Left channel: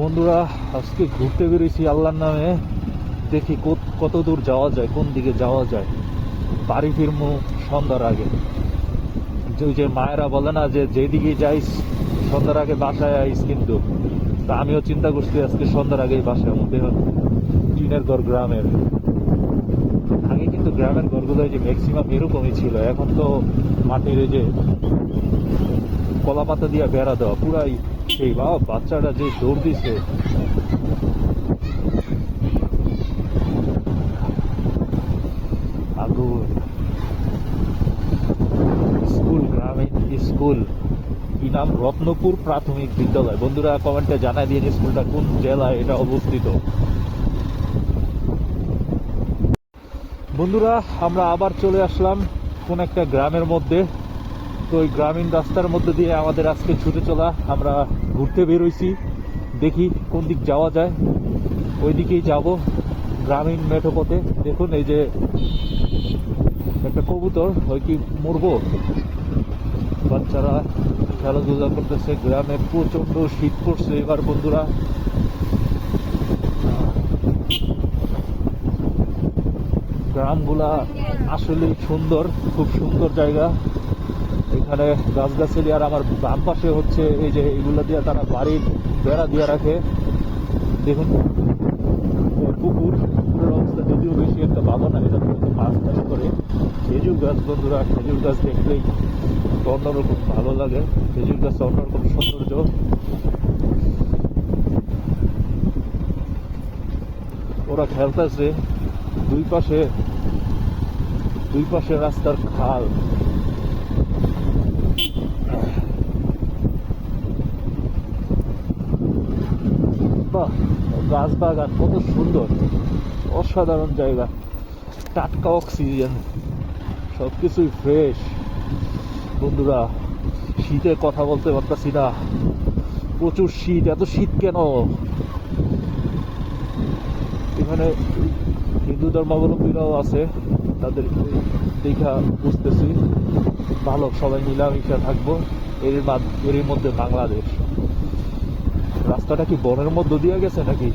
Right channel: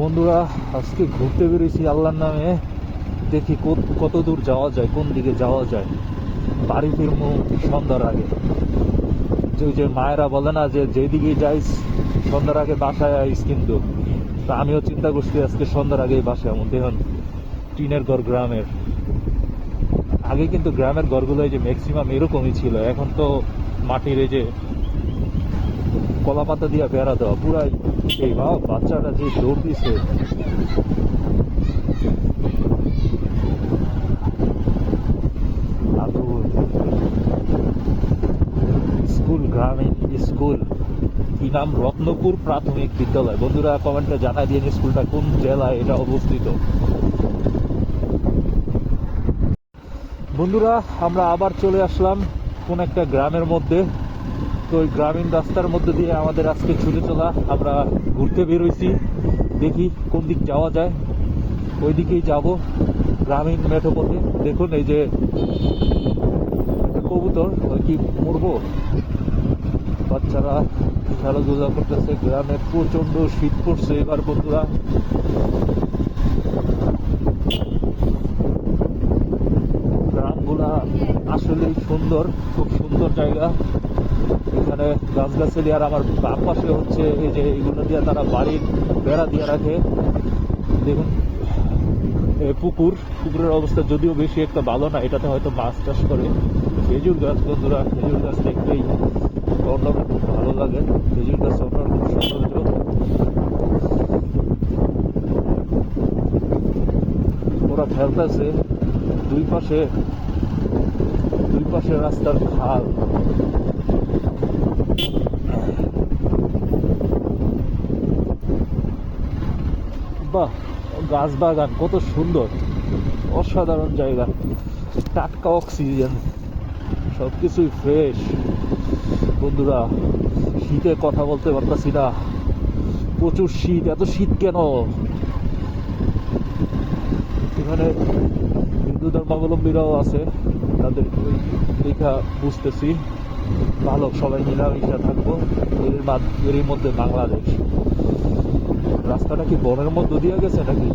বন্ধুরা, আজকে ঘুরতে বেরিয়েছি আল্লাহর নামে। দেখি কত দূর যাওয়া যায়, কোন দিকে যাওয়া যায়। বাড়ি ফিরবো সন্ধ্যার আগে। ওই যে মায়েরা বলে না যে যেদিকেই যাইস সন্ধ্যার আগে বাসায় আইস, কিন্তু তা আমিও চিন্তা করছি আজকে সন্ধ্যার আগেই বাসায় আমার। দেখুন টিনের ঘর গ্রামের। আগে কিন্তু গ্রামের ঘরগুলো যে ম্যাক্সিমাম এরকমই ছিল, এখন তো মাটির এই যে কলা পাতা দিয়ে বেড়া দেওয়া পুরাই। সেই বাচ্চাটা যে দৌড় দিছে, আগুন। স্কুল, গ্রামীণ স্কুল, কি নাম? রত্নপুর প্রাথমিক বিদ্যালয়। বন্ধুরা কমেন্টে জানাই দিয়ে স্কুলটা কোন জেলায় এটা অবস্থিত। বন্ধুরা আমরা আবার চলে আসলাম কোন একটা গ্রামের মধ্যে। তো ওই গ্রামীণ রাস্তার মধ্যে দিয়ে আমাদের আজকে ছুটে চলা। আমরা ঘুরতে বেরোইছি, দেখি কোন দিক যাওয়া যায়, ওই দিকেই যাব, গ্রামীণ মেঠো পথে। দেখুন এই যে একটা কবুতর, ওই কি মরবো। বাচ্চারা খেলাধুলা করতেছে। গ্রামে প্রচন্ড শীত পড়ছে এবার বন্ধুরা। গ্রামগুলা আসলেই সুন্দর, খুব সুন্দর জায়গা। এখানে গাছগাছালি, আর আমার বাম পাশে হচ্ছে এই যে এগুলো দিয়ে তারা বাড়ির বেড়া দিয়ে রাখে। দেখুন পুকুরের অবস্থা যদিও বেশি একটা ভালো না, এটাতে হয়তো মাছ চাষ করে। খেজুর গাছ বন্ধুরা, খেজুর গাছ দেখতেই অন্যরকম ভালো লাগে। খেজুর গাছ অন্যরকম সৌন্দর্য। ওরা খেলতেছে দুই পাশে রাস্তার খাল। বাহ, গাছ বাগান কত সুন্দর, অসাধারণ জায়গা। টাটকা অক্সিজেন, সবকিছুই ফ্রেশ। বন্ধুরা শীতে কথা বলতে পারতাছি না, প্রচুর শীত। এত শীত কেন? এখানে হিন্দু ধর্মাবলম্বীরাও আছে, তাদের ওই দেখা বুঝতেছি। ভালো, সবাই মিলামিশা থাকবো। এরই মধ্যে বাংলাদেশ। রাস্তাটা কি বনের মধ্যে দিয়ে গেছে নাকি?